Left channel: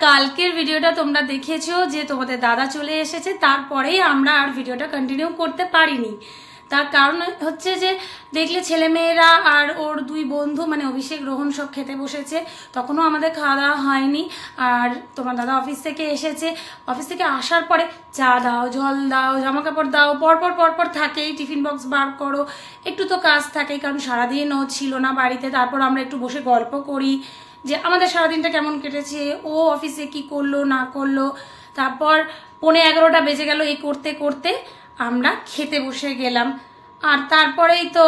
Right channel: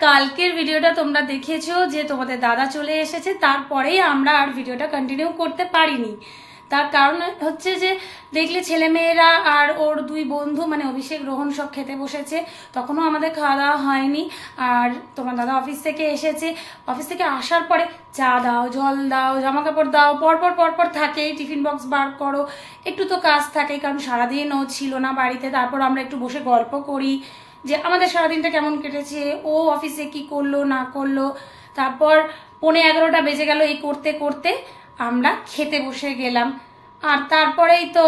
কালকের ভিডিওটা তোমরা দেখেছো যে তোমাদের দাদা চলে এসেছে, তারপরেই আমরা আর ভিডিওটা কন্টিনিউ করতে পারিনি। তার কারণ হচ্ছে যে দেখলে ছেলেমেয়েরা আর ওর দুই বন্ধু মানে অভিষেক রোহন সব খেতে বসেছে, তখনও আমাদের খাওয়া দাওয়া হয়নি। আর তোমার দাদা অফিস থেকে এসেছে, অফিস থেকে আসার পরে চা দাও, জল দাও, জামা কাপড় দাও, পরপর থাকেই, টিফিন বক্স বার করো, একটু তো কাজ থাকেই, কারণ সারাদিন ও ছিল না বাড়িতে। তারপর আমরা একটু বসে গল্প করি যে আমাদের সারাদিনটা কেমন কেটেছে, ও অফিসে কি করলো না করলো। তারপর 11:15 বেজে গেল, এই করতে করতে আমরা খেতে বসে গেলাম। আর তারপরেই তো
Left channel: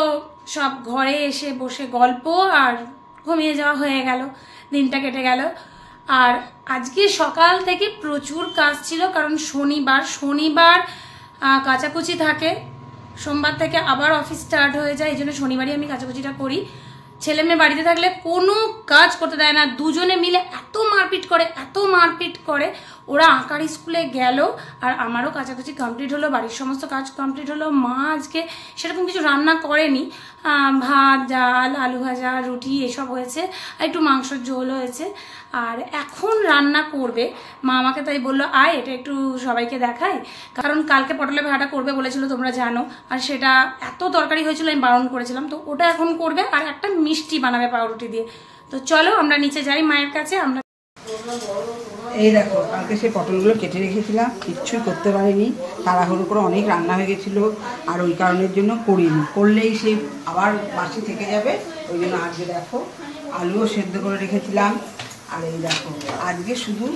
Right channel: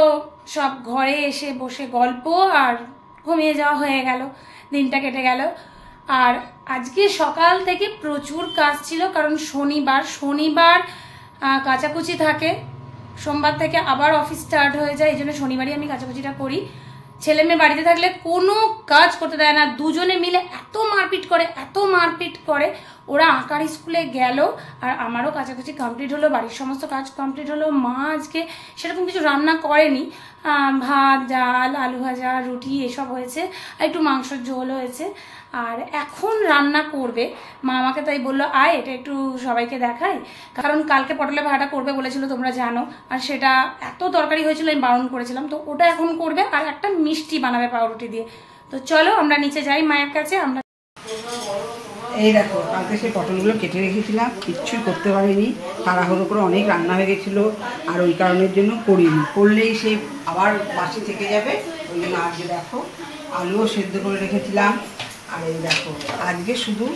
সব ঘরে এসে বসে গল্প আর ঘুমিয়ে যাওয়া হয়ে গেল, দিনটা কেটে গেল। আর আজকে সকাল থেকে প্রচুর কাজ ছিল, কারণ শনিবার কাচাকুচি থাকে, সোমবার থেকে আবার অফিস স্টার্ট হয়ে যায়, এই জন্য শনিবারই আমি কাচাকুচিটা করি। ছেলে মেয়ে বাড়িতে থাকলে কোনো কাজ করতে দেয় না, দুজনে মিলে এত মারপিট করে। ওরা আঁকার স্কুলে গেল আর আমারও কাচাকুচি কমপ্লিট হলো, বাড়ির সমস্ত কাজ কমপ্লিট হলো। মা আজকে সেরকম কিছু রান্না করেনি, ভাত, ডাল, আলু ভাজা, রুটি এসব হয়েছে, আর একটু মাংসের ঝোল হয়েছে। আর এখন রান্না করবে মা, আমাকে তাই বললো আয় এটা একটু সবাইকে দেখায়, কারণ কালকে পটলের ভাড়াটা করবে বলেছিল তোমরা জানো, আর সেটা এত তরকারি হয়েছিল আমি বারণ করেছিলাম, তো ওটা এখন করবে আর একটা মিষ্টি বানাবে পাউরুটি দিয়ে। তো চলো আমরা নিচে যাই মায়ের কাছে। আমরা এই দেখো কালকে সেই পটলগুলো কেটে রেখেছিলাম, কিচ্ছুই করতে পারিনি, তাড়াহুড়ো করে অনেক রান্না হয়ে গেছিলো, আর ওই কারণের জন্য করিনি, করলেই সেই আবার বাসি থেকে যাবে, ওই জন্য আজকে দেখো আলুও সেদ্ধ করে রেখেছিলাম। আর এই দেখো আজকে শুধু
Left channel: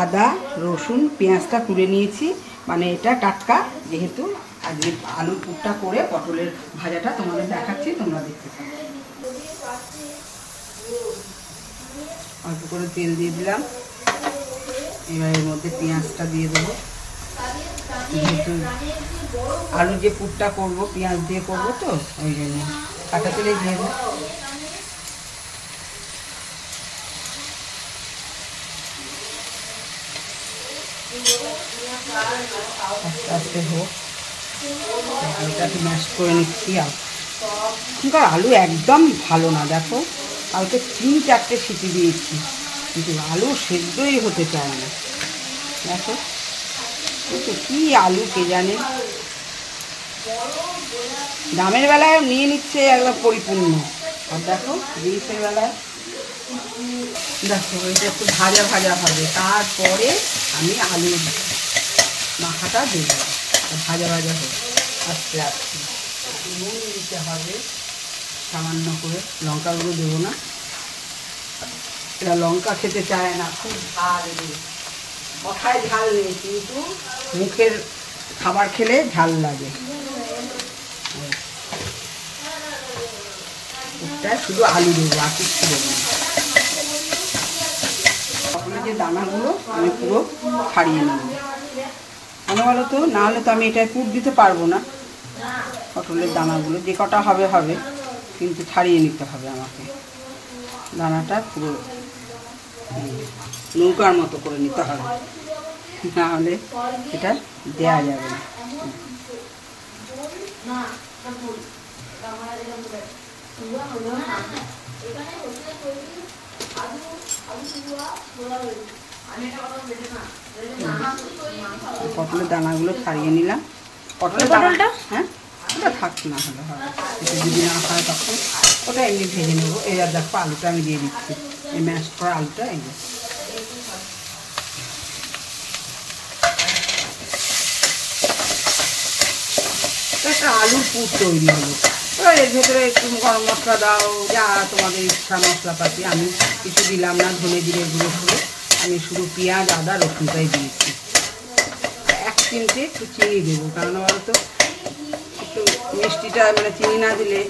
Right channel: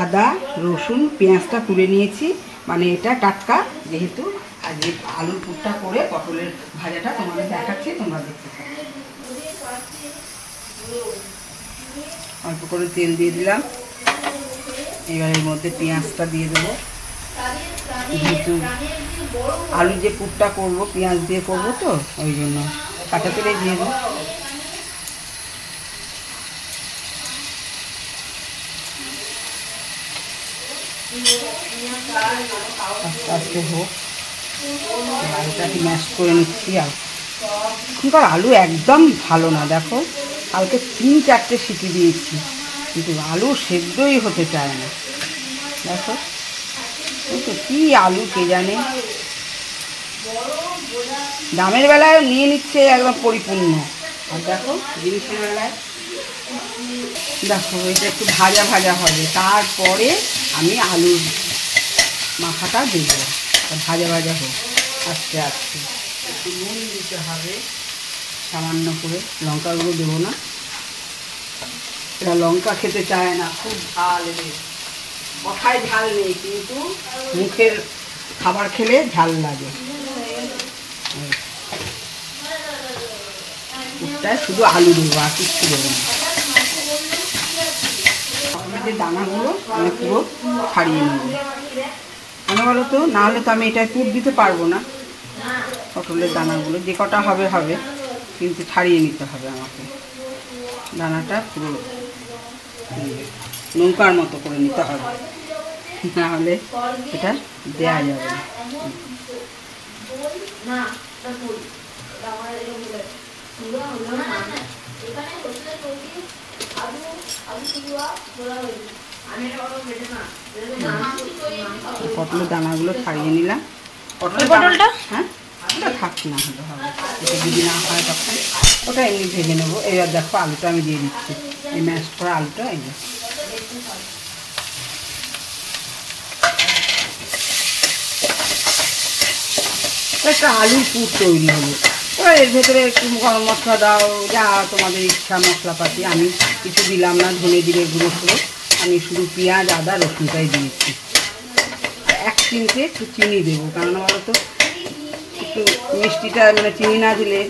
আদা রসুন পেঁয়াজটা তুলে নিয়েছি, মানে এটা টাটকা, যেহেতু আজকে আলুর পুরটা করে পটলের ভাজাটা তোমাদের দেখাচ্ছি, তোমরা দেখতে থাকো। অল্প করে তেল দিয়ে দিলাম, এবার এর মধ্যে পেঁয়াজটা দিয়ে দেবো, যেহেতু আলুর যে পুরটা করবো পেঁয়াজ দিয়ে করবো তো ওই জন্য কাঁচা তেলে দিয়ে দেবো। আস্তে আস্তে হোক, আলুটাকে ম্যাশ করে নিচ্ছি। আর এখনকার আলু একদম ভালো না, দেখো কালকে 3-4টে সিটি দিয়েছি, কিন্তু আলু সেদ্ধই হতে চায় না। দেখো তো কি আলু কে জানে, দামের বেলায় নিয়ে নিচ্ছে একদম পরিপূর্ণ, আর দেখো জিনিসের বেলায় দেখো এটা একটু ভাজা হবে, তারপরে আমি আলুর মাখাটা দেবো, ভাজা হোক। আস্তে আস্তে একটু নুন দিতে হবে সামান্য করে, লঙ্কাগুলো দেবো না, এরা লঙ্কা খেতে চায় না, খুব ঝাল, কথায় ঝাল নেই কিন্তু মুখের খাবার খেলে ঝাল লাগে। শুধু আলু দেবো আর কিছু দেবো না। পটলের যে দানাগুলো আমি পুরো ছাড়িয়ে নেব, কেন বলো তো, না হলে তো আমি এটা পুর দিতে পারবো না। পটলের দানাগুলো যে কটা হবে কিন্তু ছাড়িয়ে নিতে হবে আমাকে, দানাটা পুরো নৌকার মতো করে নিতে হবে, না হলে এটা দেয়া যাবে না। পটলের দানাগুলো ছাড়িয়ে নিলাম, পটলটা হ্যাঁ ওটা থাক, না হলে হবে, এটা যদি না হয় তখন ওটা এমনি ভেজে নেবো। এবার দেখো আলুটা আমি দিয়ে দিচ্ছি, এই ম্যাশ করা আলুটা এই একটা আলুর পুর তৈরি হলো। এবার এর ভেতরে একটু গরম মশলা দাও, যা তোমাদের ইচ্ছা মশলাপাতি, আমি কিছু দিলাম না, ধনে জিরে গুঁড়ো করে আমি শুধু পেঁয়াজ আদা রসুনটাই দিয়েছি। 1 চিমটে একটু চিনি দেবো, কারণ বলো তো একটু মিষ্টিটা মানে চিনি না দিলে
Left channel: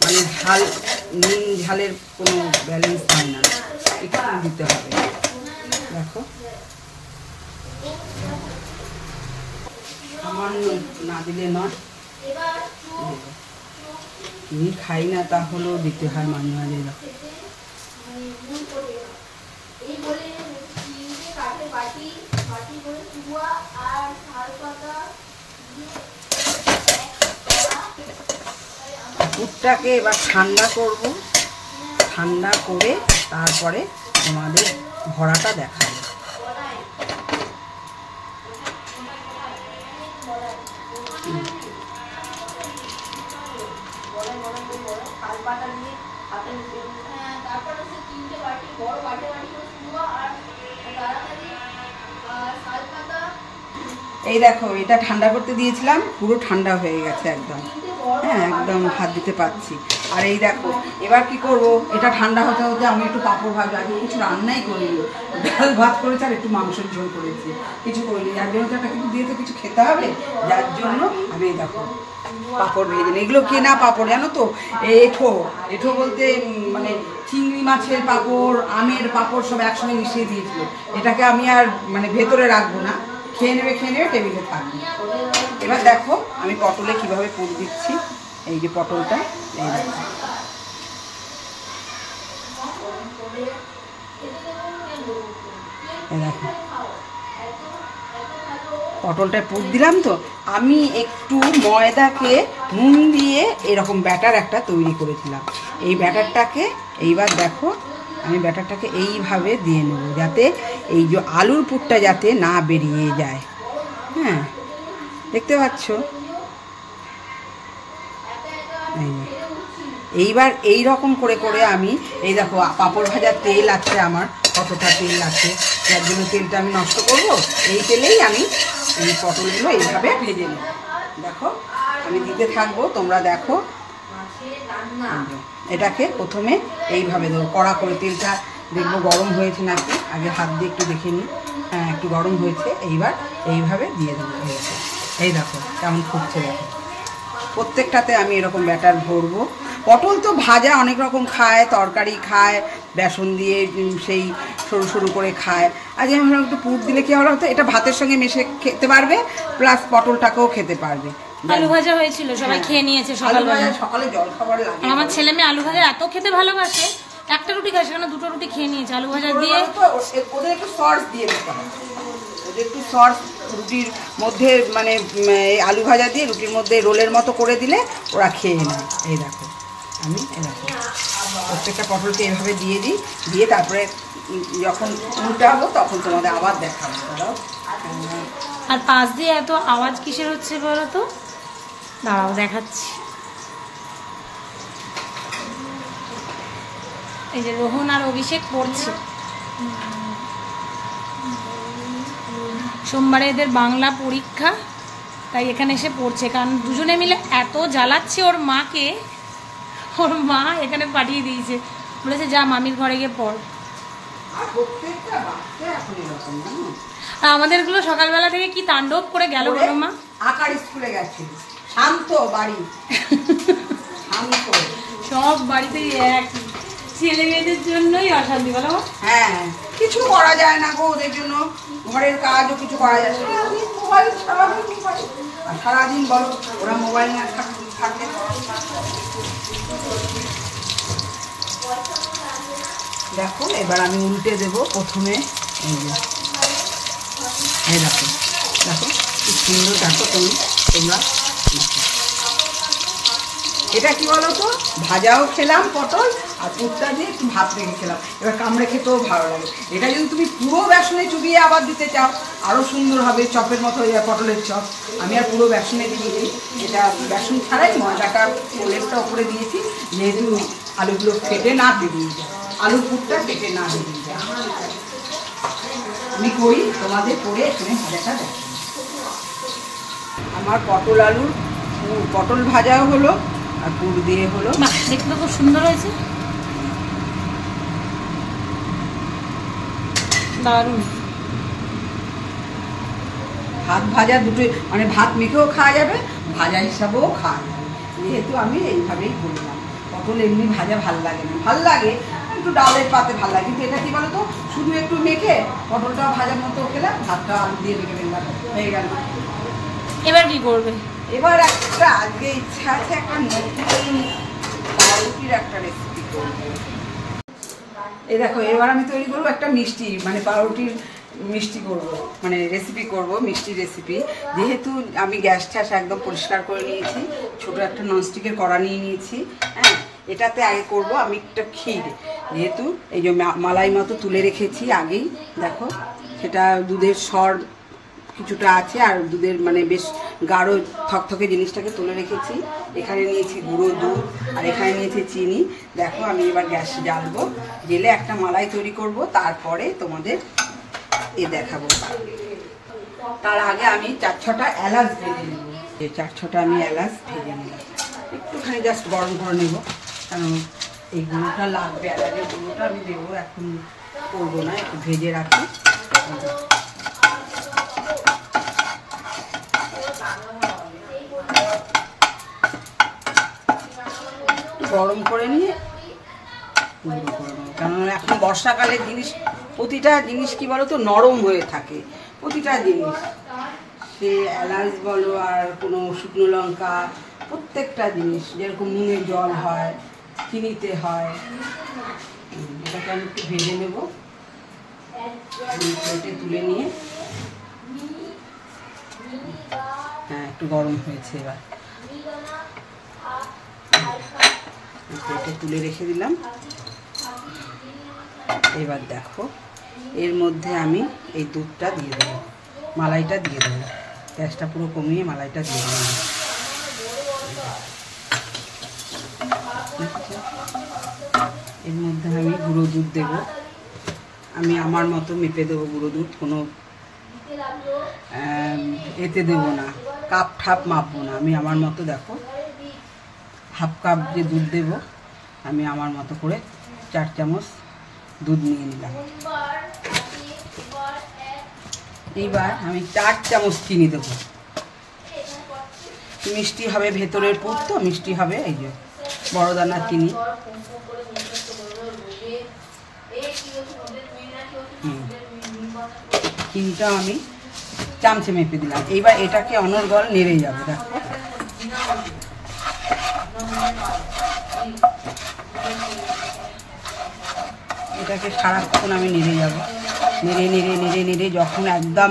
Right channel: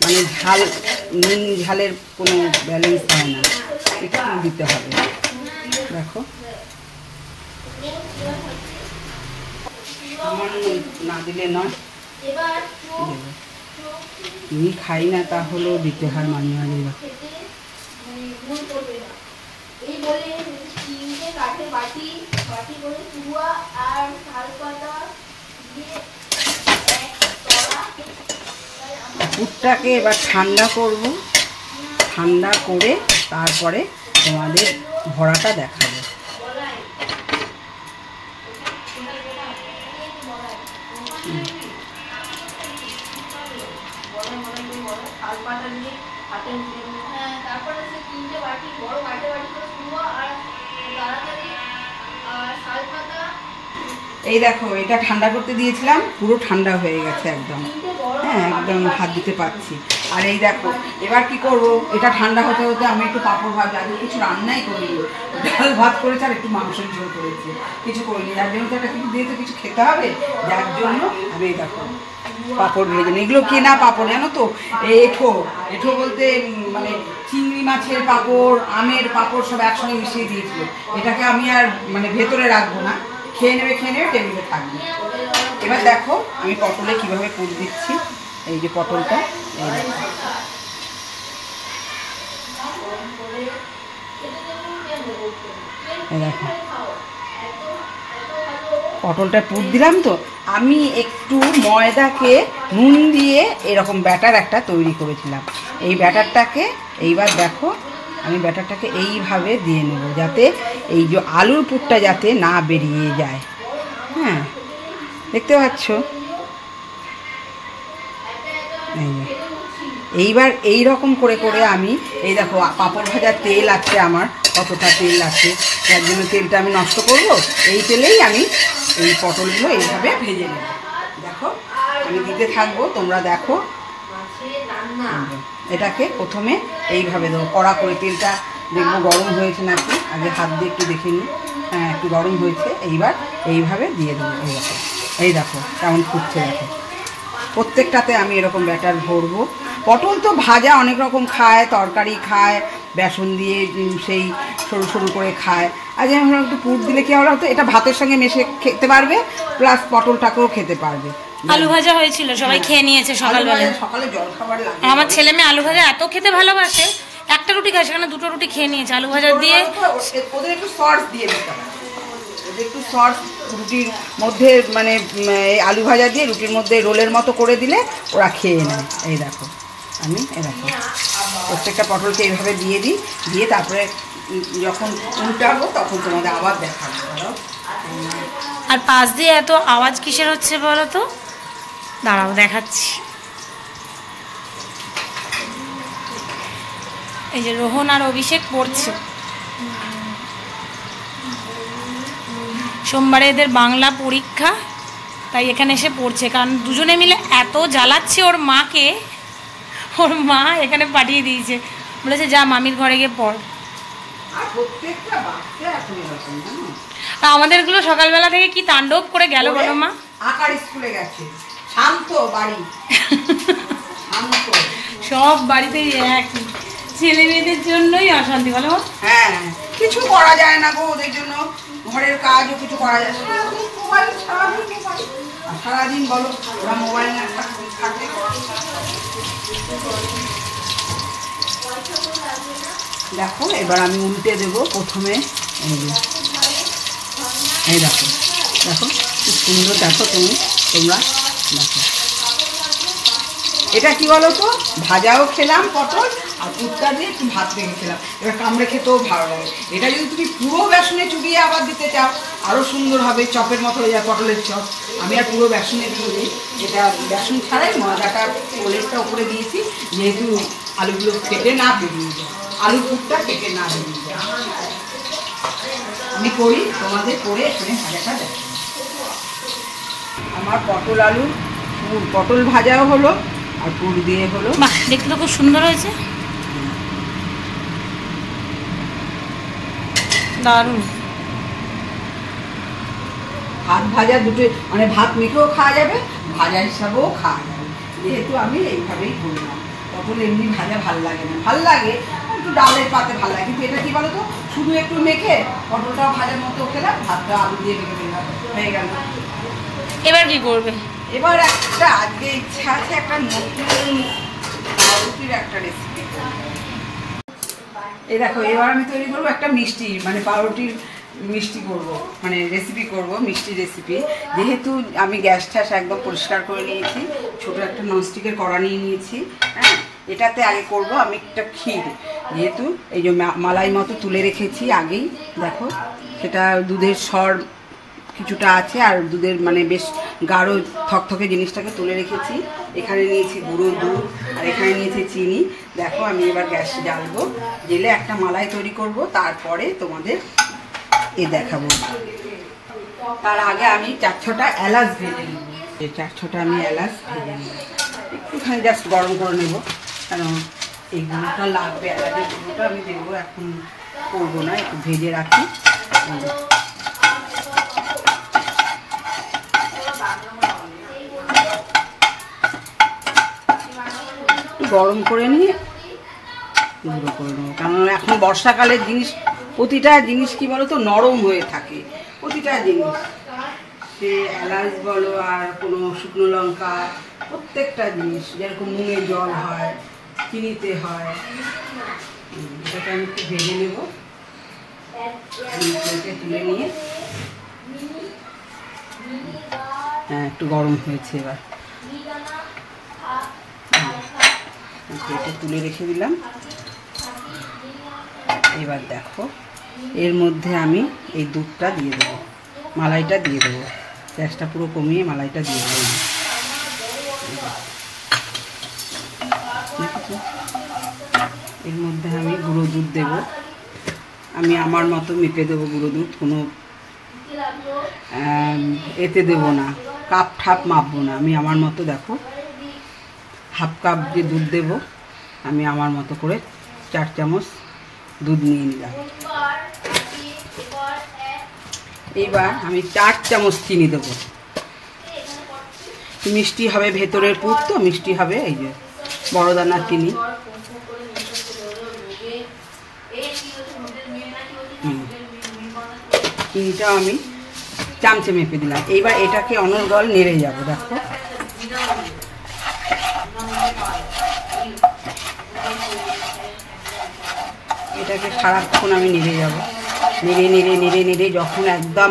মানে নুন ঝালের কোনো ব্যালেন্স হয় না, একটু দিতে হবে। দেখো সামান্য না দিলে নয়, চিনি খাই না তাহলেও দিতে হয় মাঝে মাঝে। পুরটাকে এবার ঠান্ডা করব, ঠান্ডা করে তারপরে তোমাদের ভরাটা দেখাবো। পাতা নিয়ে হাতে উঠে তারপরে হচ্ছে 3টে বাটি বড় বাটি শুরু আর তাড়াতাড়ি শাল পাতা। এই দেখো এটা ঠান্ডা করতে দিয়েছিলাম, পুরো ঠান্ডা হয়ে গেছে একদম, হ্যাঁ একদম হাত দিতে পারছি। আর এই দেখো এবার কি করব, এটা ঠান্ডা হতে হতে আমি একটু পাঁপড় ভাজা, আমি কিছু রান্নাই করিনি, ডাল ভাত করেছি আর একটু মাংসের ঝোল করেছি, কিছু করিনি। যার জন্য তো একটা কিছু দিয়ে তো কিছু খেতে হবে, যার জন্য আমি এই দেখো পাঁপড় ভেজে নিই। এগুলো কেনা পাঁপড় জানো তো, এঁঠো এঁঠো বলতে মানে চিংড়ি মাছের পাঁপড়, আমের পাঁপড় সব একসঙ্গে মিশিয়ে দিয়েছিল। এটাকে আমি আর মানে ভেতরে রাখবো না, খেয়ে নেবে টেবিলে থাকবে। এবার দেখো আমি পটলে কিভাবে পুর দিচ্ছি। এই যে পটলটা, এই দেখো পটলটা পুর দিলাম। তো আমি একটু ময়দাকে নুন দিয়ে এরকম ব্যাটার একটা তৈরি করেছিলাম। এই ব্যাটারটাকে এইবার দেখো আমি ব্যাটারটাকে এইভাবে দিয়ে নেব, যাতে এই যে আলুর পুরটা যাতে না বেরিয়ে যায়। হ্যাঁ দেখতে পাচ্ছ, এইবার এই রকম করে করে আমি এই দেখো পাঁপড় ভাজার তেল আছে আমার, কতটা তেল আছে, যার জন্য তেলটা আমি নষ্ট করব। এই তেলেই আমি এই পটলগুলো এইভাবে ভেজে নেব। দেখো আমি দিতে থাকবো, তোমরা দেখো। এটাকে প্রথমে এইভাবে দেবো, কড়া করে তেলটা দেখবো গরম হয়েছে নাকি, আগে হাত দিয়ে একটু দেখে নিই। হ্যাঁ একটু গরম হয়েছে, এইবার এইভাবে দিয়ে দেবো। এই দেখো কেমন ফুটছে, দেখো প্রত্যেকটাতে আমি এরকম ব্যাটার ভরবো। পটল তো ভাজা অনেক রকম খায়, তরকারি খায়, বেসন দিয়ে সেই সরু সরু করে খায়। আর যেমন একটু পুর দিলে কি হলো, তো এটা ভাতের সঙ্গে মিশে খেতে পারবে, প্লাস পটলটাকেও খেতে পারবে। আলু ভাজা হয়েছিল, সবাই খেয়ে নিয়েছে সকালবেলা। সকালে জলখাবার লাগে। আমার ছেলে মেয়ে আলু ভাজা এত খেতে ভালোবাসে, একটা রুটি খায় সেখানে 2টো রুটি খেয়ে নিয়েছে আলু ভাজা দিয়ে। ওদের একটু সস দিয়ে দিতে হবে, একটু সস রুটির মধ্যে মানে আলু ভাজা দিয়ে রুটির মধ্যে রোলের মতো করে দিলে ওরা খেয়ে নেয়। এই দেখো আমি এই দেখো প্রত্যেকটা পটলকে এইভাবে দিয়ে দিই, দিয়ে তারপরে যখন উল্টাবো তখন তোমাদের আবার দেখাবো। আর পাশ দিয়ে এত আওয়াজ কিসের হচ্ছে বলো তো, দাঁড়াও দেখাচ্ছি। এই যে রোহন আর অভিষেক পড়ছে, সোমবারে এদের বাংলা পরীক্ষা, তাই এখানে এসে পড়ছে। কারণ দুজনে মিলে এত জ্বালাচ্ছে ওর মাকে, ওর মা এখানে পাঠিয়ে দিয়েছে, বলেছে যা মামির ঘরে গিয়ে পড়। আর আমাদেরগুলো সকালবেলা থেকে কি তাণ্ডব করে গেল বলো মা। আকার স্কুলে গেছে, শান্ত বাড়ি, শান্ত সব বাড়িতেই একই, ছেলে মেয়েদের জন্যই অশান্তি বলো। হ্যাঁ কিছু করা যায় না গো, ওদের জন্য ঘরের কাজও কিছু করা যায় না। সারাদিন বলো ওরা মোবাইল না থাকলে। দেখো এবার আমি উল্টে দেবো প্রথমে। এই দেখো দেখো খুব সুন্দর, দেখো তোমরা দেখো এটা কি বলো তো, ভাজাও খেলাম পটল আর পুরটা দিয়ে একটু ভাত রেখে খেলাম। এবার কামড়ে খেতেও ভালো লাগে। এটা যদি তুমি পুরো বেসনে চুবিয়ে আবার দিতে চাও আরও সুন্দর হবে, চপের মতো হয়ে যায় পটলের চপ। আমি আর পুরো বেসনে দিইনি, এটা বেসন ছাড়াই ময়দাটার ওলেটটা উপরে দিয়েছি, যেহেতু আলুগুলো ফেটে না বেরিয়ে যায়, আলুর পুরটা ফেটে না বেরিয়ে যায়। আমি করি, তোমাদের করে এখানে ভাজাটা দেখো। আমার পটল আলুর পটল ভাজাও হলো আর পুর দিয়ে হলো। দেখতে খুব সুন্দর হয়েছে, দারুণ। ভাত ভাজা দুটো মানে ভাত মেখেও খাওয়া যাবে, ভাজা হিসাবেও খাওয়া যাবে, যেহেতু আমি এইভাবেই করলাম। পটল এমনি ভাজা ভাল লাগে না, ভাল লাগে একটু ডালের পাতে ভাল লাগে, কিন্তু এটা কি বলো তো, শুধু একটু মেখে পটলটাও ভাজার মতো খেলাম, ভাতটা আলু দিয়ে মেখে ফেললাম, হয়ে গেল। এবার কি করবে? এবার একটা আজকে ইচ্ছা আছে একটা নতুন পাউরুটির একটা রেসিপি করবো। এই দেখো এবার আমি তৈরি করবো একটা মিষ্টি, মানে পাউরুটির মিষ্টি করব, মানে রেসিপি করব, মিষ্টি রেসিপি। যেহেতু আমি গ্যাস ট্যাস একদম পরিষ্কার করে নিয়েছি, ছোটো একটা ননস্টিকের কড়া নিয়ে নিয়েছি। হ্যাঁ এটাতে আগে করব আমি একটা ক্ষীর, যেহেতু এই যে মালাই মতো তুলে রেখেছি আগেই, দেখো সেটা দুধের সর কিছুটা আছে আর দুধের মানে বেশ গাঢ় থকথকে জিনিসটাকে তুলে রেখেছি। এখানে নিয়েছি গুঁড়ো দুধ, আর এখানে নিয়েছি চিনি। দেখো আমি এবার গ্যাস জ্বালবো, জেলে একটা মালাই তৈরি করব, তারপরে তোমাদের দেখাবো। তার আগে আমি 4-6টা এলাচ ভেজে নেব। 4-6টা আমি এলাচ ভেজে নেব, একটুখানি জাস্ট গরম করে নেব, কারণ এই গুঁড়োটা লাগবে। এলাচের গুঁড়োটা আমি দেবো, এখন করবো না, একটু ভেজে রাখি। গরম করে নিয়ে গুঁড়ো করে নেব, কারণ এখন বর্ষাকালের জিনিস, প্রতিটা জিনিস কি বলো তো নরম হয়ে থাকে। প্রতিটা জিনিস, সে এলাচ বলো আর কোনো শুকনো লঙ্কা, প্রত্যেকটা জিনিস যেরকম নুনে জল হয়, চিনিতে হয়। এটাকে আমি একটু ভেজে নেব, প্লেটে তুলে নিয়ে। হ্যাঁ, একটু গরম হয়েছে, এবার প্লেটে তুলে রেখে দিলাম। এবার দেখো এর মধ্যে আমি এই দুধটা দিয়ে দেবো, মালাইটা দিয়ে দেবো। গ্যাসটা পুরো কমিয়ে মালাইটা দিয়ে দেবো। এর মধ্যে আমি গুঁড়ো দুধ দেবো, আমি আমার মতো মেপে দেবো গুঁড়ো দুধ, কোনো এতে দেবো না, কাপ ঠাপ মাপবো না। আমি আমার মতো, দেখো হাফ কাপ যে দুধ দেবো, আমি আমার মতো করে 4 চামচ দুধ নিয়ে নিলাম। এবার আমি 4 চামচ চিনি দেবো। মিষ্টি হবে, ভেতরের পুর তো মিষ্টি হবে, এই যে বড় দানার চিনি। চিনিটাও আমি চামচে মেপে দিলাম। এইবার এটাকে অনর্গল নেড়ে যাবো। দেখো এটাকে সারাক্ষণ আমি নেড়ে যাব, নেড়ে নেড়ে নেড়ে নেড়ে যখন একদম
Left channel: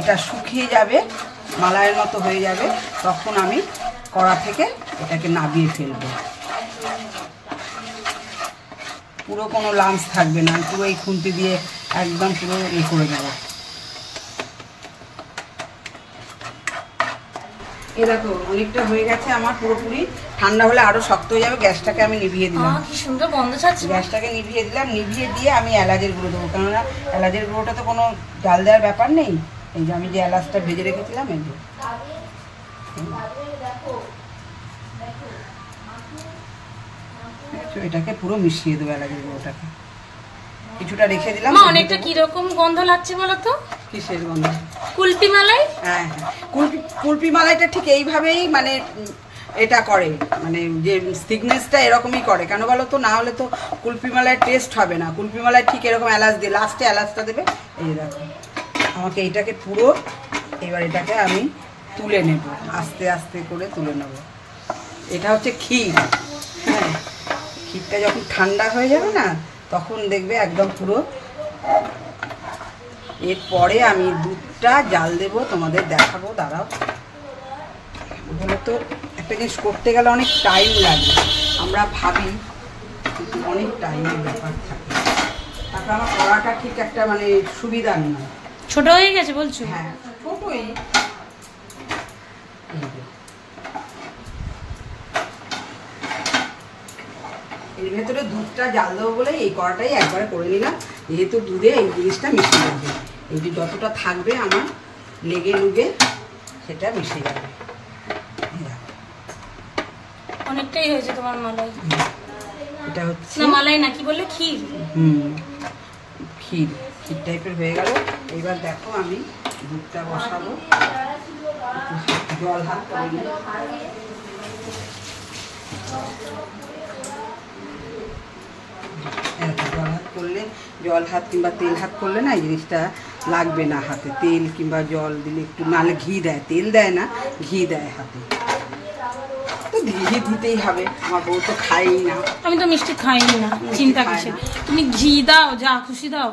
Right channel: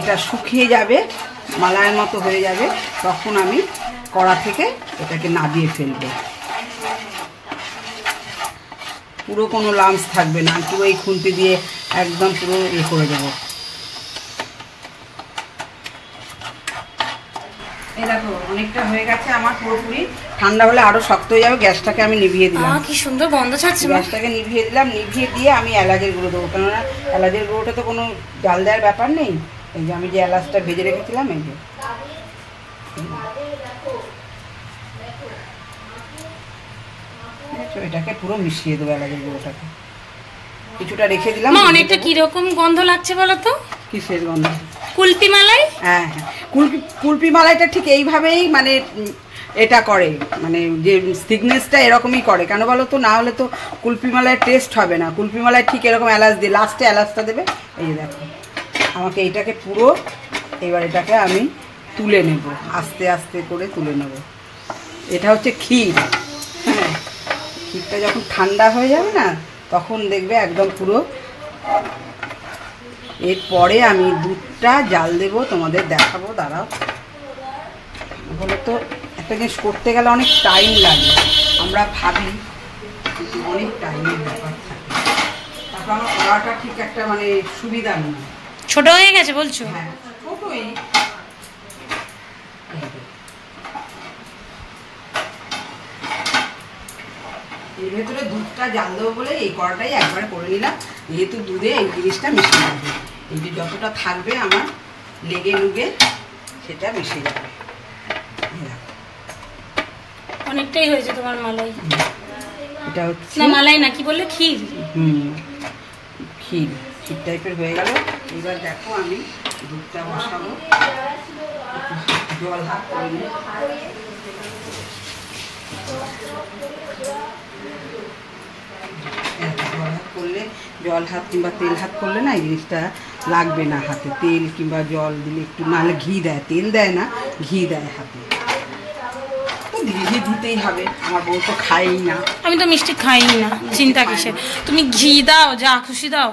এটা শুকিয়ে যাবে, মালাইয়ের মতো হয়ে যাবে, তখন আমি কড়া থেকে এটাকে নামিয়ে ফেলবো। পুরো কোনো লামস থাকবে না, পুরো এই খুন্তি দিয়ে একদম পুরো করে দেবো। এই দেখো অনেকটা হয়ে গেছে আমার, পুরোপুরি ঠান্ডা হলে আরো শক্ত হয়ে যাবে। গ্যাসটাকে আমি নিভিয়ে দিলাম। কি সুন্দর গন্ধ ছাড়ছে। গ্যাসটাকে নিভিয়ে দিলাম, নিভিয়ে দিয়ে আমি এলাচের গুঁড়ো দেবো, কেননা এলাচের গুঁড়োটা তো কোনো জাল দেওয়ার ব্যাপার নেই। এই যে আমি যে এলাচটা ভেজে রেখেছিলাম, এই যে এটাকে পুরো মিশিয়ে দেবো এলাচের গুঁড়োটাকে। কিছুটা রেখে দিলাম। অনেকটা কিরকম গন্ধ লাগছে বলো তো? কিসের গন্ধ? কুলপি মালাই। হ্যাঁ হ্যাঁ, কুলপি মালাইটা ঠিক এইভাবেই মানে এটা করে, মানে যে থিকনেসটা এরকমই করে। কেন বলো তো, না হলে তো কুলপি মালাইয়ের টেস্ট হবে না। কুলপি মালাই ঠিক এরকম এলাচ দিয়ে লাস্টে এলাচটা দেবে। এই দেখো আমাকে এইটাকে পুরো, এবার এটাকে আমি তুলে নেব, আস্তে আস্তে করে তুলে নেব। এটা হচ্ছে ক্ষীর। হ্যাঁ, ক্ষীরটা যখন ঠান্ডা হয়ে যাবে না, তখন দেখবে একদম পুরো। এরপরে আমি দুধটা জাল দেবো, তোমাদের দেখাবো। দাঁড়াও, বলো তো একটা জিনিস করতে গেলে অনেক টাইম লাগে, আমরা ভাবি, কিন্তু অনেক টাইমের ব্যাপার থাকে। তারপর আমার কড়াটা ঠিক একটা মানে সুবিধা নেই, ছোট হয়ে গেছে বলছো? হ্যাঁ ছোটই। এর ভেতরে দুধটা জাল দেবো বলে এই কড়াটাই একবারে করে নিলাম, যেহেতু দুধে এই জিনিসটা মিশে যাবে। এই যে যতটা থাকবে আমার লেগে লুগে সেটা মিশে যাবে। অনেকটাই হয়েছে তোমার মালাই। এটা হচ্ছে না মালাই না, কি বললে, ক্ষীর। ক্ষীর, ক্ষীর টাইপের হয়ে গেল। এবার দেখো আমি দুধটা বসাবো, জল হাত করে নিই। করলে জল হাত কিংবা তেল হাত করলে না এই জিনিসটা লাগবে না হাতে। তেল কিংবা জল দিলে একটু, নাহলে ঘি দেয়, তেল দেয় না, ঘি দেয় হাতে। তো ঘি দিতেই হবে, আমার বউ তো খাই না। আমি তো মিষ্টি খাই না, চিন্তা কিসের। তুমি ঘি দাও, যা খুশি দাও,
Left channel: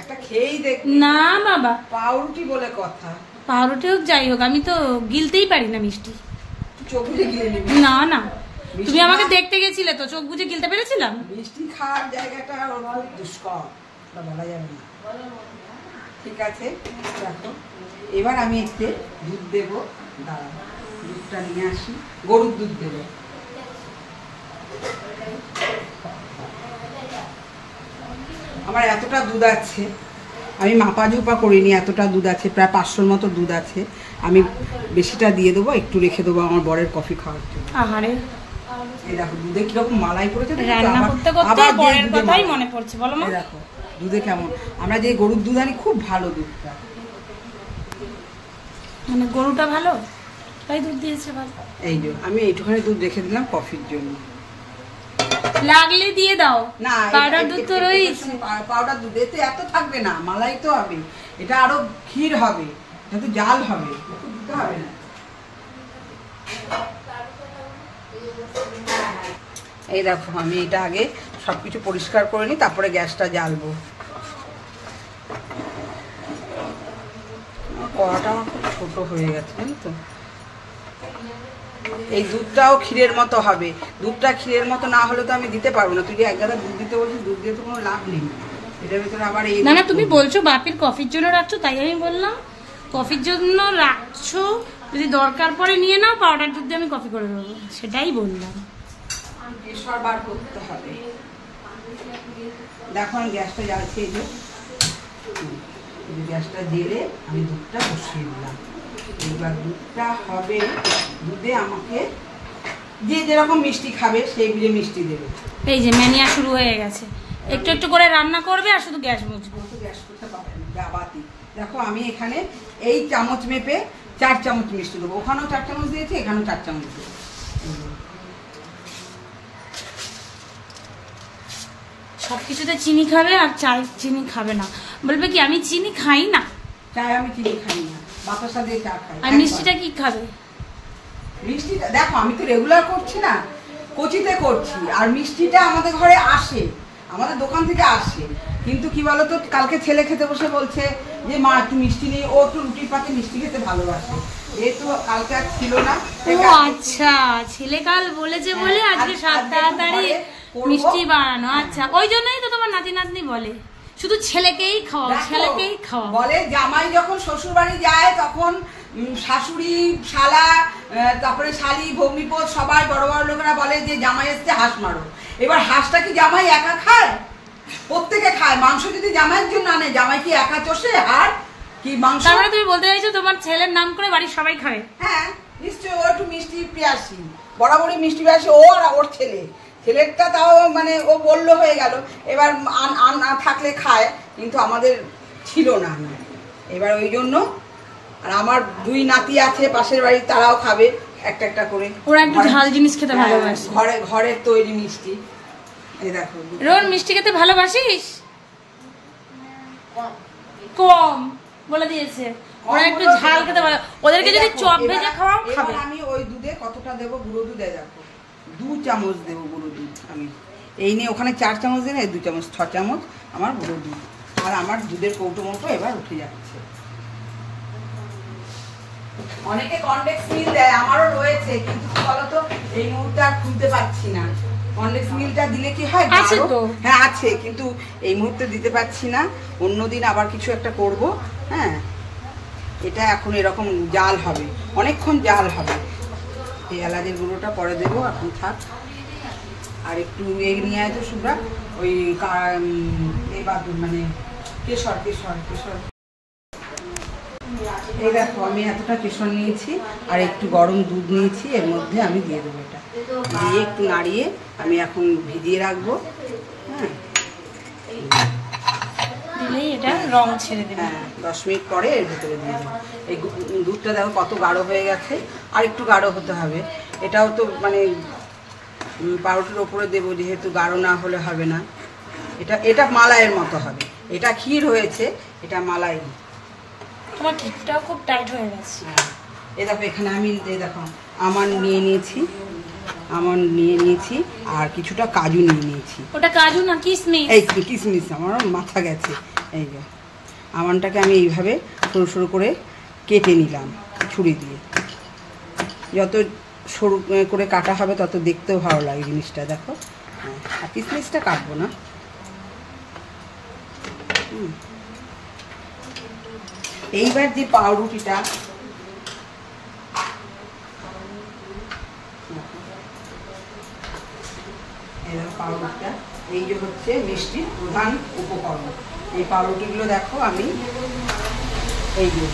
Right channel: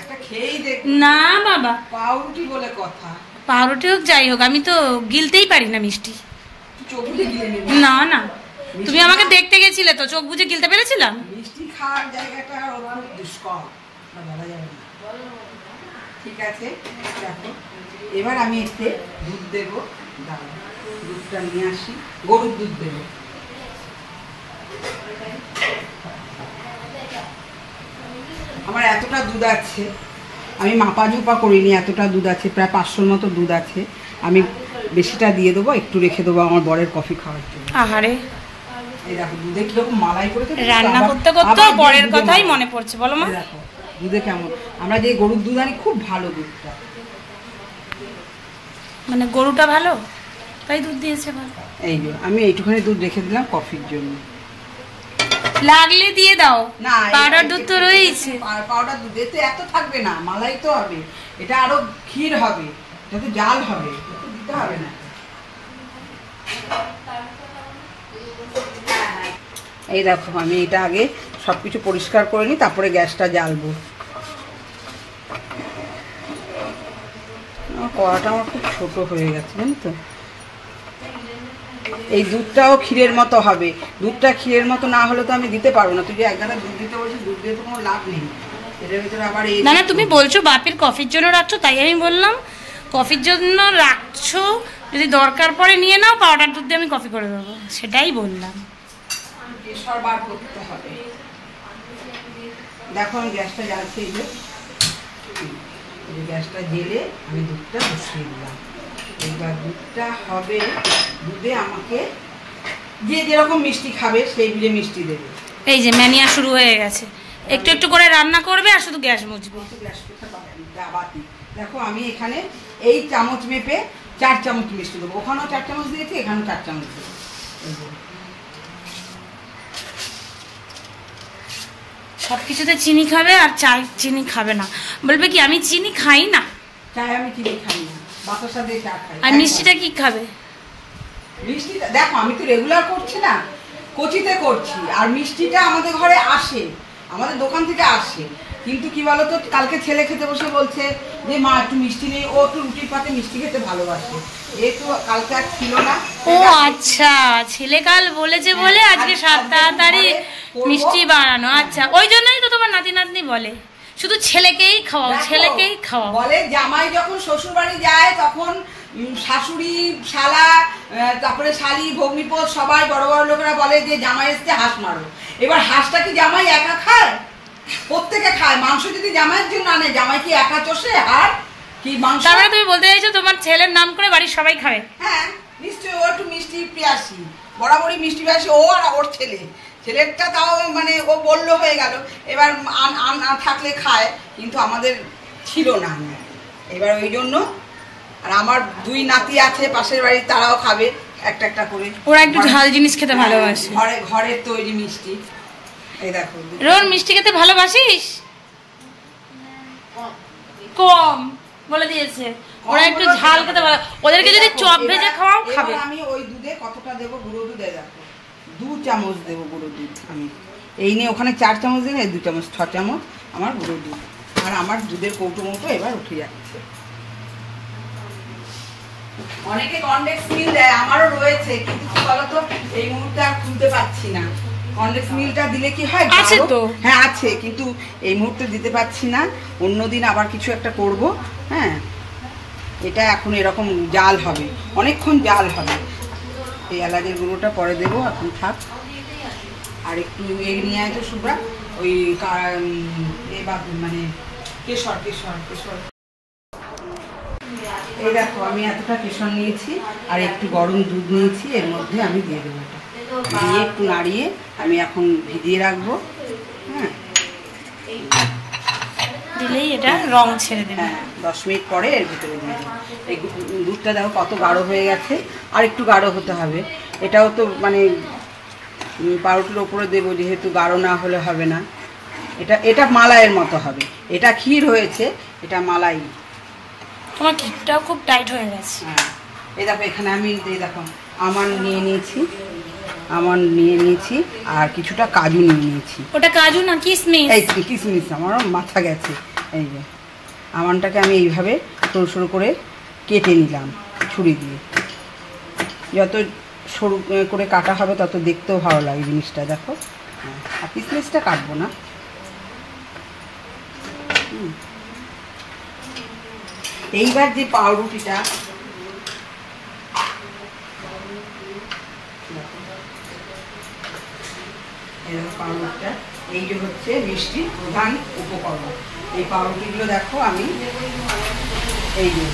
একটা খেয়েই দেখ। না বাবা, পাউরুটি বলে কথা। পাউরুটি হোক যাই হোক, আমি তো গিলতেই পারি না মিষ্টি। চোখ বুঝে গিলে নিবি? না না, তুমি আমাকে দেখতে গেছিলে তো, চোখ বুঝে গিলতে পেরেছিলাম? মিষ্টি খাওয়ার জায়গাটা খুব দুষ্কর, বলা যাবে না। ঠিক আছে, দেখো এবার আমি এতে দুধ দেবো। দুধটা নিয়ে আসি, গরুর দুধ দেবো। আমার এতটা দুধ আছে, আমি মাপা ঝোপা করিনি, এতটা দুধ আছে, প্রায় 500-র মতো দুধ আছে। আমি বেশিটা দিয়ে দেবো, একটু রেখে দেবো আমার বরের কফি খাওয়ার জন্য। আহারে, এই দেখো দুধে কিরকম মালাই করেছে, রান্না করতে করতে বরের কথাই মনে পড়ছে। বলো মা। দেখো দুধে কেমন, আমরা যে গরুর দুধ আনি খুব ভালো দুধটা, মানে গরুটা ভালো তাই দুধ দিয়েছে। বল, এই যে আমি এইটুখানি দুধ রেখে দিলাম কফির জন্য। লাগলে দিয়ে দাও, না পাউডার দুধ তো রয়েছে। পাউডার দুধ এতে এত থাকবে না, মালাই তো হবে, এটা আরো ক্ষীর হবে, এটা তো জাল হবে, এত দিতে হবে না। এই দেখো আমি এটা আগে সবকিছু পরিষ্কার করে নিই, তারপরে গ্যাসটা জ্বালবো। কড়াটা আমার খুব ছোট হয়ে গেছে, জানি তো। এই দুধটাও ক্ষীরের মতো হবে, দুধটা ক্ষীরের মতো না হলে তো আমি দিতে পারবো না। তুই যে এক গাদা দুধ দিতে বলছিস, দুধ দিয়ে তো কোনো লাভ নেই, এটার ভিতরে আবার এই না না, তুমি বলছো বাপির কফির জন্য রাখছো, তাই আমি বললাম কফির জন্য রাখছো, যদি দরকার পড়ে নিয়ে নাও, পাউডার দুধ দিয়ে আমি কফি করে দেবো, সেটাই বললাম। কেশর বার করতে হবে। দেখো আমি গ্যাসটা জ্বালছি, এই যে গ্যাসটা জেলে আমি দুধটা বসিয়ে দিলাম। এবার দুধটা হবে, দুধে আমাকে যে যেরকম মিষ্টি খাবে সেই বুঝে মিষ্টি দেবে। এই যে ম্যানিয়া শুরু হয়ে গেছে, একটু একটু করে রান্না করবে আর শুধু গ্যাস মুছবে। গ্যাস করতে পারেন বাবাতি। দেখো আমি এখানে এই চামচ মেপে 4 চামচ মিষ্টি দেবো, ওখানেও 4 চামচ দিয়েছি, এখানেও 4 চামচ দেবো। সব কিছুতে চিনি খাবে আর চায় চিনি খাবে না, বলবে কি আমি চিনি খাই না। চায় আমি চিনি খাই না, বাতাসা দিয়ে চা খাই। আর মিষ্টিটা কি খাবে? মিষ্টিটা দেখো আমি তো রেগুলার করছি না, কচিতে করছি, আর মিষ্টিটা আমাদের ঘরে আসে, আমাদের দোকান থেকে আসে। কিন্তু কি বলতো, কালকে ছেলে খেতে বসে বলছে যে মা একটু মিষ্টি নেই, ও একটু রুটির পাতে মিষ্টি খেতে ভালোবাসে, যেহেতু কালকে আর ছিল না। ও আচ্ছা, ছেলে কাল বলেছে বলে আজকে তাড়াতাড়ি মিষ্টি বানানো। আচ্ছা, ওই জন্যই তো তোমার নাতি নাতনি বলে শুধু ছেলেকেই খাওয়াও, ছেলেকেই খাওয়াও। বলে জামাই যখন শ্বশুর বাড়ি যায় তখন শাশুড়ি, শালা, তারপরে শালি, ভগ্নিপদ সবাই বড় বড় লোকেরা বলে যে জামাই এসছে হাঁস মারো। এবার হাঁসটা কি জামাই একা খায়? প্রত্যেকে খায়। মাংস যদি জামাইয়ের জন্য আনে, জামাই কি একা চষে আর কি মাংস? তার মানে তুমি বলতে চাইছো তোমার ছেলের নাম করে বাড়ির সবাই খায়? হ্যাঁ নিশ্চয়ই, ও একটু মিষ্টি পিয়াসি, বরাবরই মিষ্টি পিয়াসি, ও আর ওর ছেলেরটা তাও মানে ও বললো হয়ে গেল, এবার থাকলে খায়, কিন্তু আমাদের ছিল না। এবার ওই জন্য, আর আমার 2 নাতি আছে পাশের বাড়ি, তারাও খাবে একটা একটা করে। ওরা একটু ঝাল জিনিস খেতে ভালোবাসে, ঘরের তৈরি মিষ্টি। এই দেখো রোর মিষ্টি খেতে ভালোবাসিস? কম বলে দিয়েছে, ওরা একটু ঝাল খেতে ভালো, ওদেরকে যদি চপ ভেজে খাওয়াও খাবে। আমি ওই দুধে কতটা দেবো, গুঁড়ো দুধে দেখো 2 চামচ দেবো গুঁড়ো দুধ। আমি এই নিয়ে ওখানে 4 চামচ দিলে 2 চামচ, 6 চামচ আমার গুঁড়ো দুধ। আর আমার দুধের কৌটো মৌটো এবার উঠে যাচ্ছে। অনেকে কনডেক্স মিল্ক দেয়, আমারও রয়েছে, কিন্তু কি বলতো এই মুহূর্তে আর খুলতে পারছি না। কনডেক্স মিল্কটা দিলে কি হয়? আছে তো, হ্যাঁ আছে, কিন্তু এই মুহূর্তে দিতে পারছি না, অন্যদিন আবার কিছু একটা করব। হ্যাঁ, এটা এখন এরকম জাল হবে, অনেকক্ষণ জাল হবে। এই এলাচের গুঁড়োটা পরে দেবো, এখন থাক। আর একটু এগ নিয়ে আয় তো সুব্রা, ওই মানে কেশর। এই দেখো আমি এতটা কেশর নিয়েছি আর একটু গরম দুধ নিয়েছি, এর মধ্যে আমি দিয়ে দেবো। এটা দিয়ে একটু নাড়িয়ে আমি এখন ভিজিয়ে রাখবো। হ্যাঁ, দিলেই এটা রং ছেড়ে দেবে। হ্যাঁ, 10 মিনিট পরে এর ভিতরে দিয়ে দেবো। এই দুধটা দেখো কত গাঢ় হয়ে গেছে, আর একটু গাঢ় হতে হবে। এটাও তো মানে পাউরুটির ওপরে দেবো, যেহেতু গাঢ় না হলে হবে না। এটা মালাইয়ের মতো হবে, এটা ক্ষীর হয়েছে, এটা মালাই। তোমার ক্ষীরটাও খুব টাইট হয়ে গেছে। হ্যাঁ, এই দেখো এখানে আমি এই দেখো আমন্ড নিয়ে নিয়েছি, আর কিছুটা কাজু নিয়ে নিয়েছি। ওটা কাজু না কিশমিশ? এই কিশমিশ, আমারও মাথা গেছে। এই যে আমন্ডটাকে আমি এইভাবে সরু সরু করে কেটে নিলাম ছুরি দিয়ে। যত সরু করে কাটা হবে তত দেখতেও ভালো লাগে জিনিসটা। দেখো, হ্যাঁ, আর কিশমিশটা কাটবো না। এইবার যে পাউরুটিটা এই যে হচ্ছে মিষ্টির প্রধান উপকরণ। এই পাউরুটিগুলো দেখো আমি এই যে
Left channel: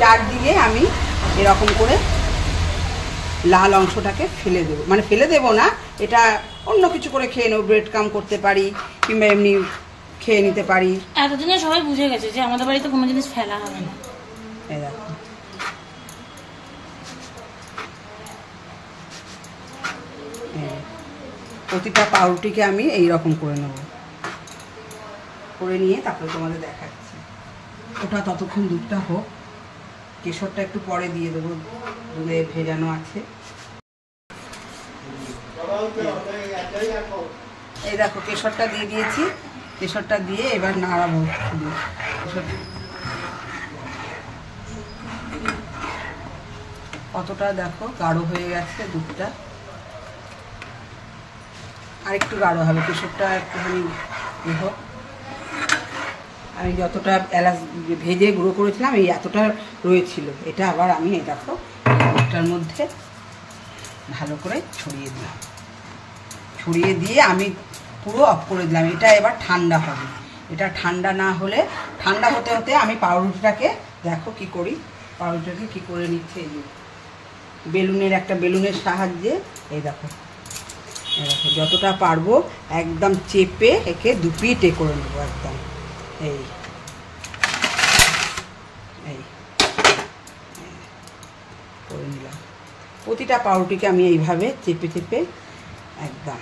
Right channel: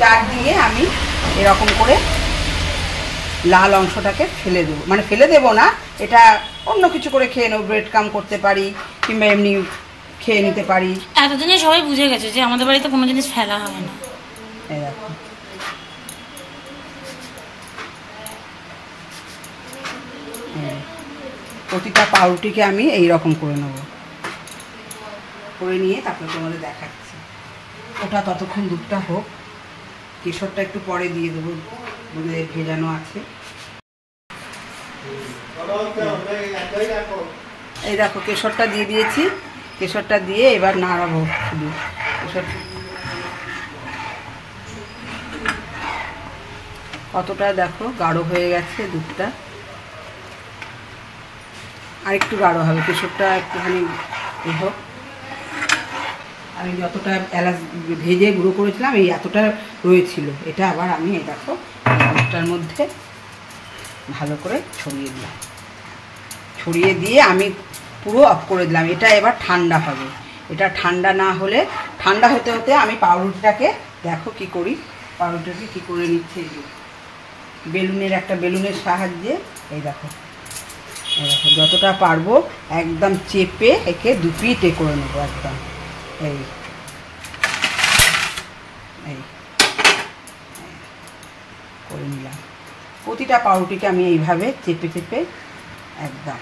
চার দিয়ে আমি এরকম করে লাল অংশটাকে ফেলে দেবো, মানে ফেলে দেবো না, এটা অন্য কিছু করে খেয়ে নেবো, ব্রেড কাম করতে পারি কিংবা এমনি খেয়ে নিতে পারি। এতদিনে সবাই বুঝে গেছে যে আমাদের বাড়িতে কোনো জিনিস ফেলা হয় না। এই দেখো প্রতিটা পাউরুটিকে আমি এই রকম করে নেব, করে নিয়ে তারপরে তোমাদের দেখাচ্ছি। ওটা ততক্ষণ দুধটা হোক, কেশরটা একটু পরে দিয়ে দেবো, দুধে ভেজানো আছে। এই দেখো কেশরটা দিয়ে দিয়েছি, কেশরটা দিয়ে এবার নাড়াবো শুধু। কেশর কতটা দেখো গাঢ় হয়ে গেছে দুধটা, আর একটু গাঢ় হবে, কেশরটা একটুখানি হোক। আমি যতটা এলাচ ভেজে গুঁড়ো করেছিলাম এই এতটা রয়েছিল, এটা আবার আমি এই দেখো দুধটার মধ্যে ভালো করে ছড়িয়ে দিলাম, ছড়িয়ে দিয়ে আমি পুরো অফ করে দিলাম। এটা এবার ঠান্ডা হবে, এটা ঠান্ডা না হলে, ঠান্ডা হতে হতে আমি পাউরুটিটাকে দেখো কি করি, পাউরুটিটাকে কি করে নিচ্ছে এই যে বেলুনের, একটা বেলুনের সাহায্যে এই দেখো যতটা পারবো একদম চেপে একে দুপিটে করে নেবো একদম। এই এই করে নিলাম, প্রতিটা পাউরুটিকে আমি এইভাবে চেপে চেপে একদম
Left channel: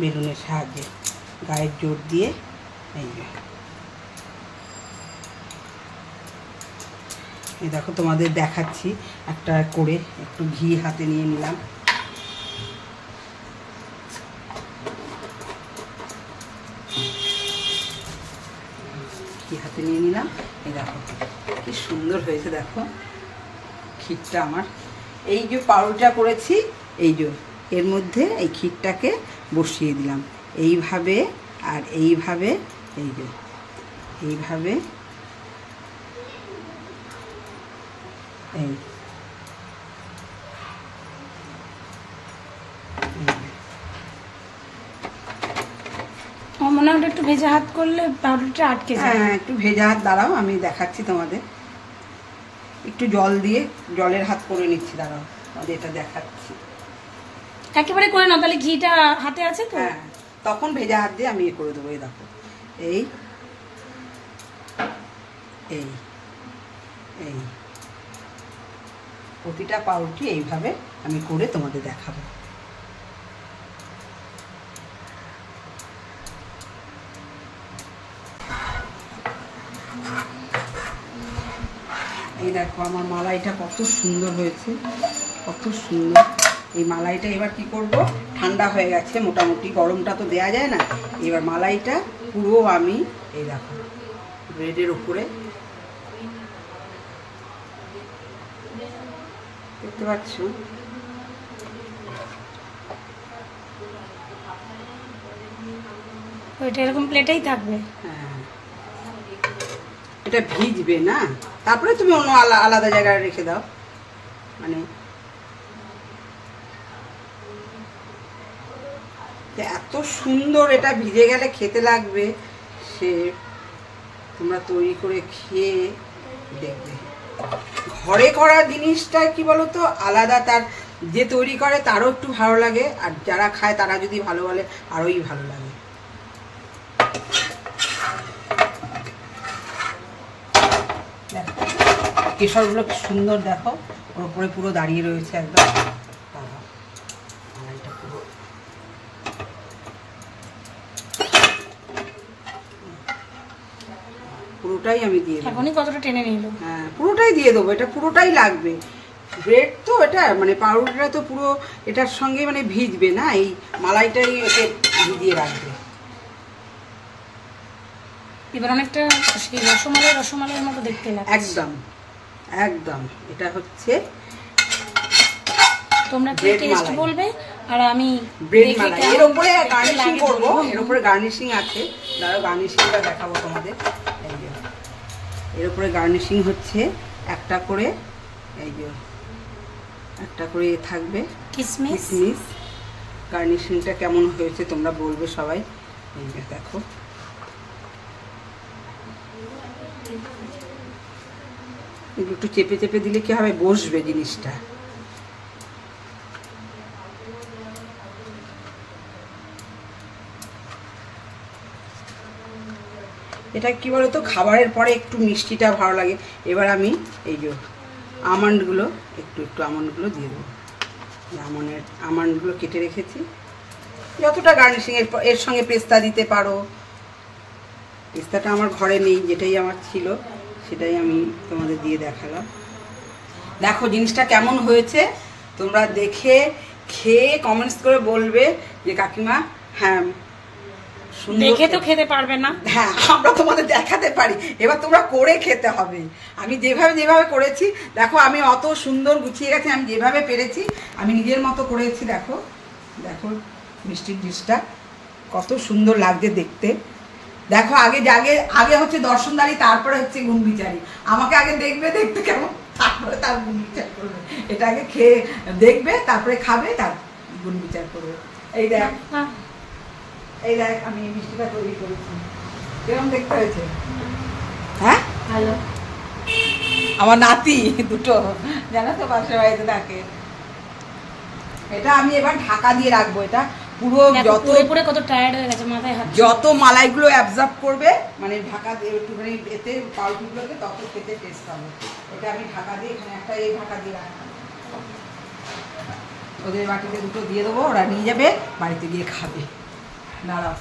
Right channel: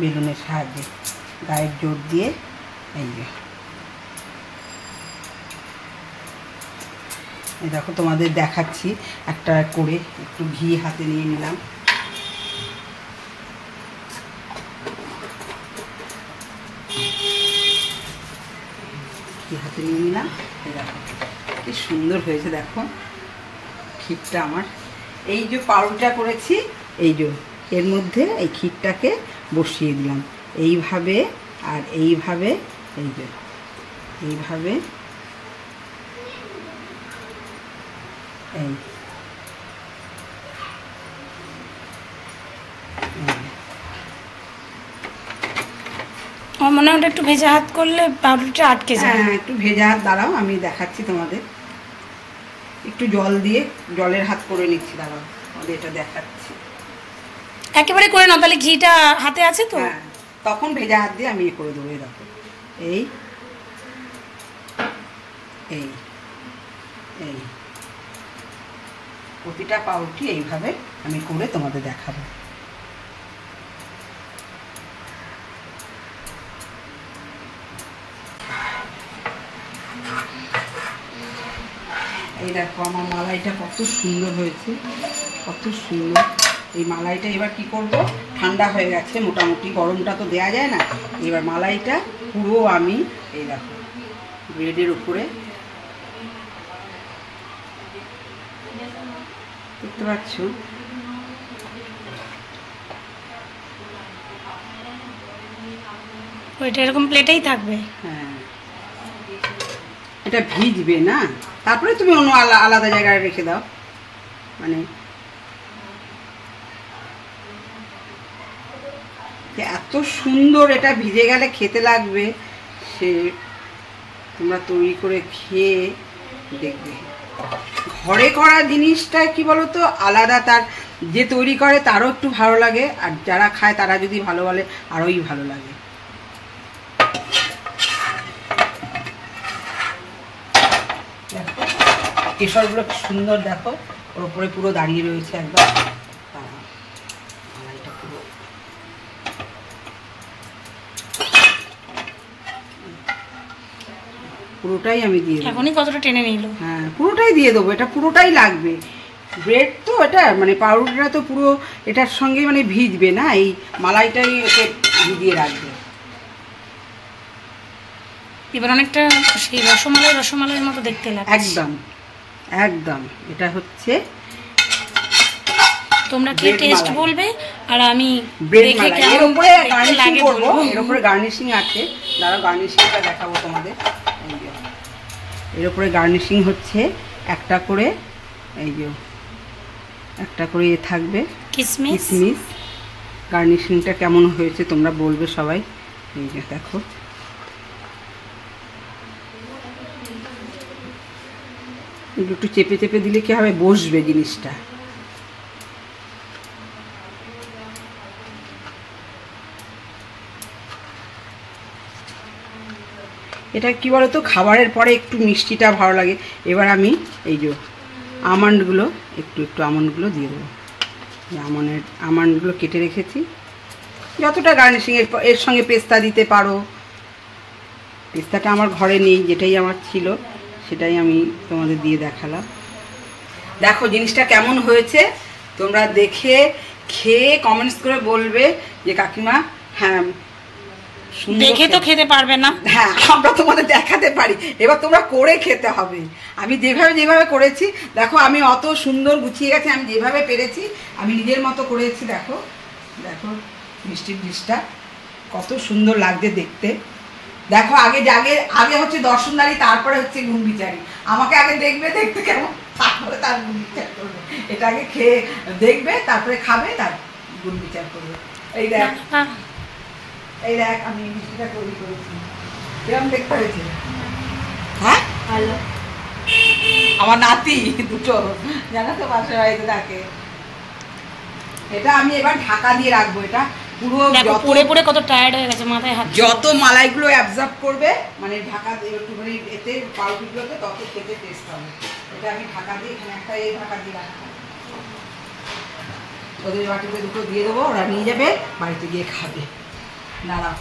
বেলুনের সাহায্যে গায়ের জোর দিয়ে এই দেখো তোমাদের দেখাচ্ছি একটা করে, একটু ঘি হাতে নিয়ে নিলাম, হাতে নিয়ে নিলাম। এই দেখো কি সুন্দর হয়েছে, দেখো ক্ষীরটা আমার। এই যে পাউরুটিটা করেছি এই যে এর মধ্যে এই ক্ষীরটাকে বসিয়ে দিলাম এইভাবে, আর এইভাবে এই যে এইভাবে এই আমার মনে হয় একটু ভেজা হাত করলে পাউরুটিটা আটকে যায়। হ্যাঁ একটু ভেজা হাত, দাঁড়াও আমি দেখাচ্ছি তোমাদের, একটু জল দিয়ে জলের হাত করে নিচ্ছি, দাঁড়াও তোমাদের এটা দেখাচ্ছি। একেবারে করে না, তাহলে ঘিটা হাতে আছে তো, হ্যাঁ তখন ভেজা হাত দিয়ে আমি করে দেবো। এই দেখো এই এই এই প্রতিটা পাউরুটি এইভাবে আমি করে তোমাদের দেখাবো। এই দেখো আমার মালাইটা কত সুন্দর হয়েছে, কত সুন্দর। এই মালাইটা এবার কি করব, ঠান্ডা হয়ে গেছে মোটামুটি, গরমটা তো দেয়া যায় না। এবার মালাইটা পুরো আমি এই দেখো ব্রেডের উপরে দেখতে পাচ্ছ, ওইটা এরকম প্লেটেই থাকবে। হ্যাঁ এটা ভিজবে না, তারপরে তুমি অন্য আলাদা জায়গায় রেখে দাও, মানে এত সুন্দর এটা ভিজে গেলে খেতে লাগবে, সে তোমরা তৈরি করে খেয়ে দেখবে। ঘরে করা জিনিসটা কি বলতো আলাদা, তার যে তৈরি করে তারও একটু ভালো লাগে, আর যারা খায় তারা যদি ভালো বলে আরোই ভালো লাগে। কেশরগুলো কি সুন্দর দেখো, ওর উপরে পুরো দাঁড়িয়ে রয়েছে একদম, পুরোটাই আমি দিয়ে দেবো। এখনই কতটা টেনে নিল। হ্যাঁ পুরোটাই দিয়ে দেবো, এটা পুরোটাই লাগবে। ব্রেড তো এটা মানে পাউরুটিটা তো পুরো এটার সঙ্গেই মানে ভিজবে না, এই মালাইটাই ওকে ভিজিয়ে রাখবে। এবার অনেকটা সেই রসমালাইয়ের মতো দেখতে লাগছে। একদম একদম এটা হচ্ছে তোমরা কি টেস্ট বলবে আর আমি দেখে কেমন এর উপরে গার্নিশিং করব। এর উপরে গার্নিশিং আছে, দাঁড়াও গার্নিশিংটা দেখাবো তোমাদের। এর উপরে গার্নিশিং হচ্ছে একটা করে এই যে একটা করে থাকবে কিশমিশ, গার্নিশিংটা কেমন হয়েছে তোমরা বলবে সবাই। এই যে দেখো, একটু চেপে চেপে দিলে কি হবে, বসবে জিনিসটা। এটা কি বলতো, খাবারের পরে একটু মিষ্টিটা ভালো লাগে। এবার আমি এই যে আমন্ডগুলো একটু আমন্ডগুলো দিয়ে দেবো। আমন্ডগুলো কেটে রেখেছি, যতটা গার্নিশিং এর সঙ্গে পেস্তা দিতে পারো। পেস্তাটা আমার ঘরে নেই, যেটাই আমার ছিল সেটাই আমি তোমাদের দিয়ে দেখালাম। দেখো জিনিসটা কেমন হয়েছে, তোমরা দেখে খেয়ে কমেন্টস করে বলবে যে কাকিমা হ্যাঁ দেখে তো খেতে পারবে না, হ্যাঁ আমরা তোমাদের দেখাতে পারি, এবার তোমরা করে খেতে হবে। আমি যেভাবে করেছি দেখো, আমি অত সুন্দর গুছিয়ে গেছে, আমি যেভাবে পেরেছি আমি নিজের মতো করেছি। দেখো দেখো মিষ্টির ডিশটা কত সুন্দর লাগছে দেখতে। দেখো আগে হচ্ছে দর্শনদারি, তারপরে হচ্ছে গুণবিচারি। আমাকে আগে দেখবে দেখতে কেমন, তারপরে তার গুণবিচার করবে। এটা আগে খেয়ে দেখবে, তারপরে খাবে, তার গুণবিচার করবে। এই দেখ আমি মিষ্টিটা তৈরি করেছি, কিরকম দেখতে হয়েছে? হ্যাঁ ভালো। আমার নাতি দুটো জানো তো পাশের বাড়িতে থাকে। এটা আমি এবার ঢাকা দিয়ে রাখবো। এটা পুরো পড়ে পড়ে কত টায়ার্ড হয়ে গেছে, মাথায় হাত। যত মালাইগুলো অ্যাবজর্ব করবে মানে ঢাকা দিয়ে একটুখানি এতে পাউরুটিগুলোতে, তত খেতে টেস্ট হবে। এটা আমি ঢাকা দিয়ে এখানে একটা এই ঢাকা দিয়ে রাখবো। ওদের বাটিতে দুটো দিয়ে দেবো, ওরা নিয়ে যাবে বাড়িতে গিয়ে খাবে। দাঁড়াও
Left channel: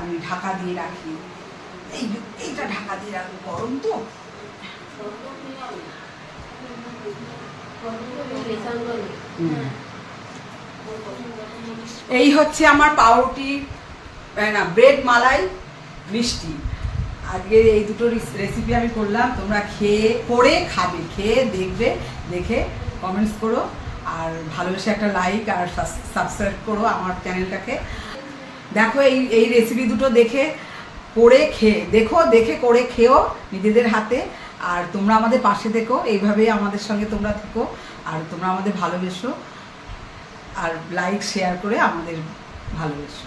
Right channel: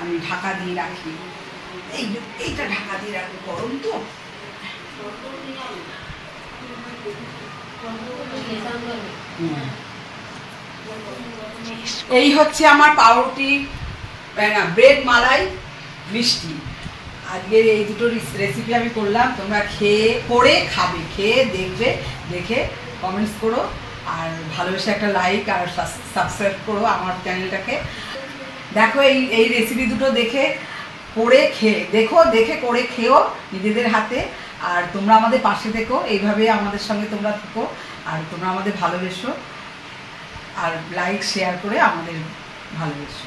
আমি ঢাকা দিয়ে রাখি, এইটা ঢাকা দিয়ে রাখবো, গরম তো। এই হচ্ছে আমার পাউরুটি না ব্রেড মালাই মিষ্টি। আজকে এই দুটো রেসিপি আমি করলাম, তোমরা করে খাবে, খেয়ে দেখবে, দেখে কমেন্টস করো, আর ভালোবেসে একটা লাইক আর সাবস্ক্রাইব করো আমার চ্যানেলটাকে। দেখো এই রেসিপি দুটো দেখে করে খেয়ে দেখে করে খেও নিজেদের হাতে। আর তোমরা আমাদের পাশে থেকো, এইভাবে আমাদের সঙ্গে তোমরা থেকো, আর তোমরা আমাদের ভালোবেসো, আর লাইক শেয়ার করে আমাদের ভালোবেসো।